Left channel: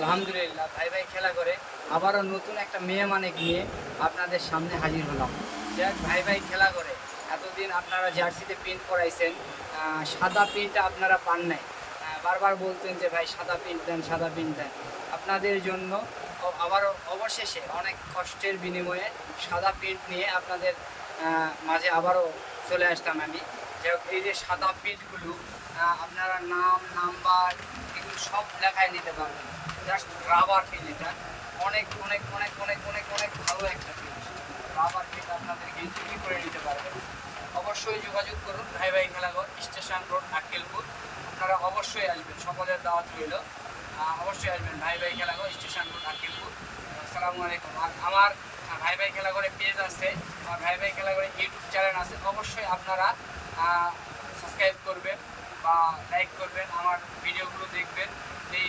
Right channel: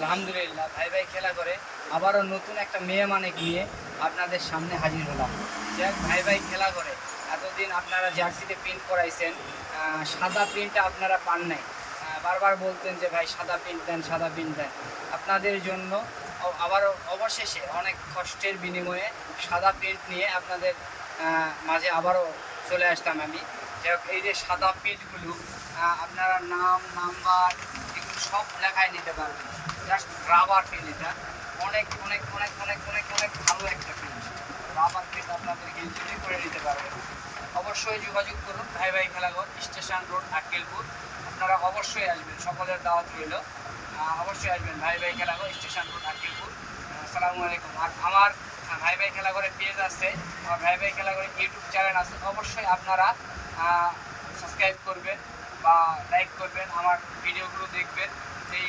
আলহামদুলিল্লাহ, ভাই ভাই খেলা করে আবারও নতুন একটা মেহমানিক নিয়ে আপনাদের সামনে হাজির হলাম। যে ভাই ভাই খেলা করে এতদিন আপনারা জার্সিতে প্রিন্ট করাইছেন, সাদা প্রিন্টটা আপনারা পান নাই। বারবার বলতেন যে ভাই সাদা প্রিন্ট দেন, সাদা প্রিন্ট দেন। আপনাদের জন্য আবারও অবশেষে অনেক কষ্টের বিনিময়ে সাদা প্রিন্ট নিয়ে আপনাদের মাঝে আবারও চলে আসতাম আমি। যাই হোক, এই যে সাদা প্রিন্টগুলো আপনারা নাম নাম্বার এগুলো সব লেখায় নিতে পারবেন। জাস্ট রাবার ফিল, এটা অনেক অনেক অনেক অনেক অনেক অনেক ভালো একটা ফিল। রাবার থেকে আপনাদের ইজিলি করে নিতে পারবেন। অবশ্যই যোগাযোগ করুন ভাই ভাই খেলাঘর, স্টেশন রোড, আক্কেলপুর। আপনারা অবশ্যই আসবেন, সকলের দাওয়াত রইল। অবশ্যই আসবেন ভাই ভাই খেলাঘর, স্টেশন রোড, আক্কেলপুর। আসসালামু আলাইকুম। আর আমার ভাই ভাই খেলাঘরে পেজ আছে, আমার ভাই ভাই খেলাঘরে ইউটিউব চ্যানেল আছে। অবশ্যই আপনারা সাবস্ক্রাইব করবেন বা লাইক করবেন, আমার ভিডিওগুলো দেখবেন। এই